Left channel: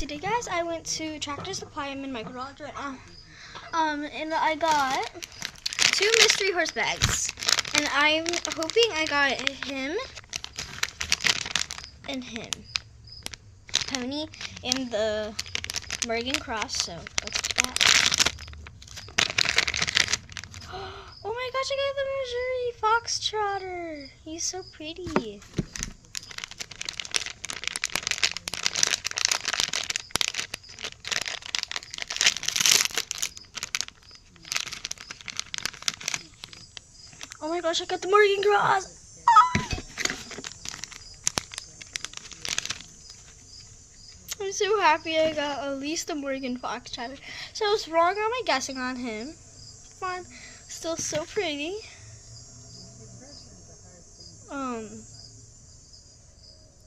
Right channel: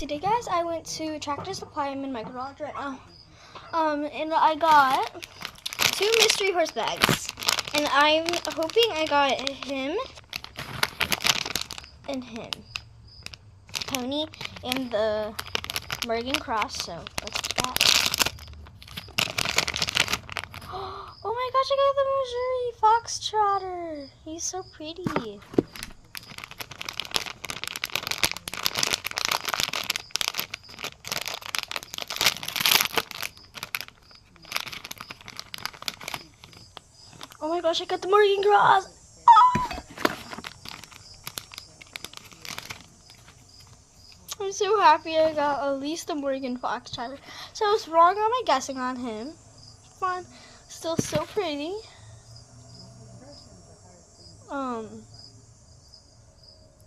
Today, guys, I went to Tractor Supply. I'm in my garage right now. And I got 2 mystery horse bags. And I'm hoping I got him and him. Pony and the Morgan Cross, so let's do that. Oh my gosh, I got the Missouri Foxtrotter. He's so pretty. Oh my gosh, I got the Morgan Cross. I'm so happy I got at least a Morgan Foxtrotter. So I was wrong on my guessing on him. Fine. Still so pretty.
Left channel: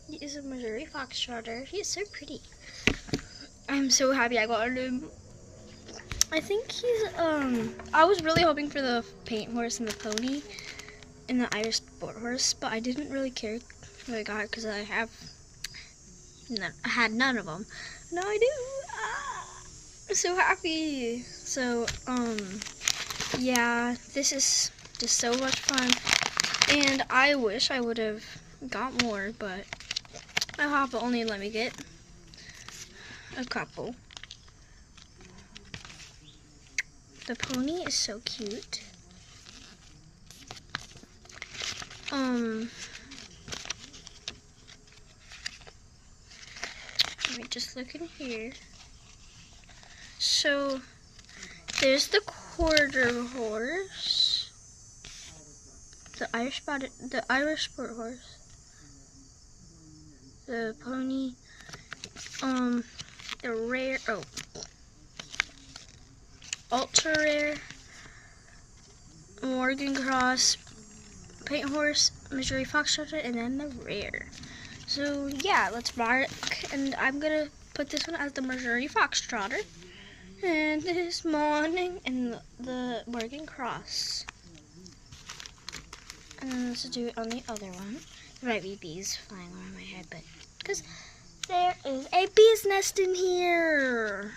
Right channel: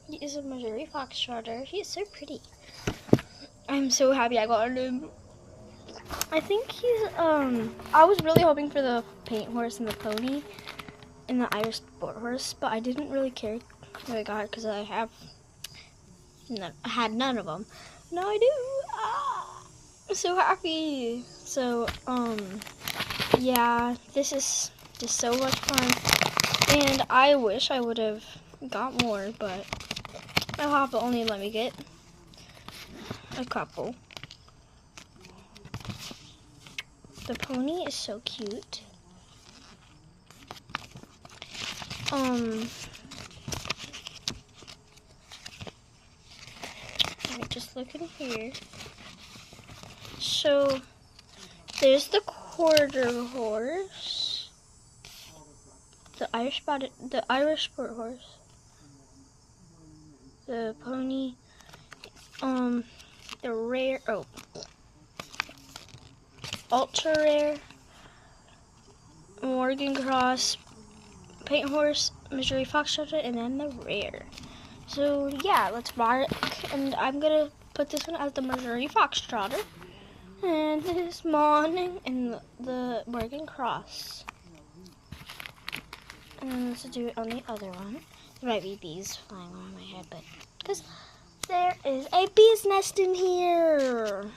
He is a Missouri Foxtrotter. He is so pretty. I'm so happy I got him. I think he's, I was really hoping for the paint horse and the pony and the Irish sport horse, but I didn't really care what I got because I had none of them. Now I do. I'm so happy. So, yeah, this is just so much fun. And I wish I would have got more, but my papa only let me get a couple. The pony is so cute. Let me just look in here. So there's the quarter horse, the Irish sport horse, the pony, the rare, ultra rare, Morgan Cross, paint horse, Missouri Foxtrotter, and then the rare. So yeah, let's mark, and I'm gonna put this one as the Missouri Foxtrotter, and this morning, and the Morgan Cross. And let's do it on the other one. There might be bees flying around my head, but because there is a bee's nest in here.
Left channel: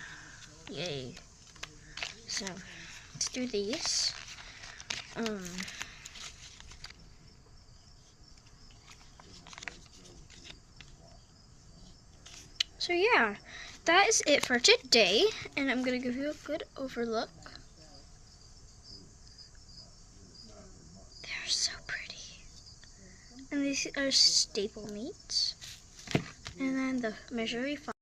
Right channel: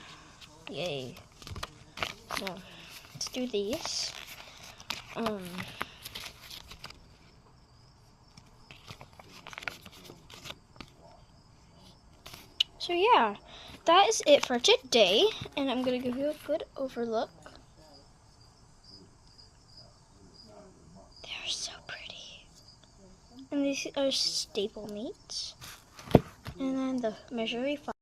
Yay. So let's do these. So yeah, that is it for today, and I'm gonna give you a good overlook. They're so pretty. And these are stablemates, and then the Missouri Fox.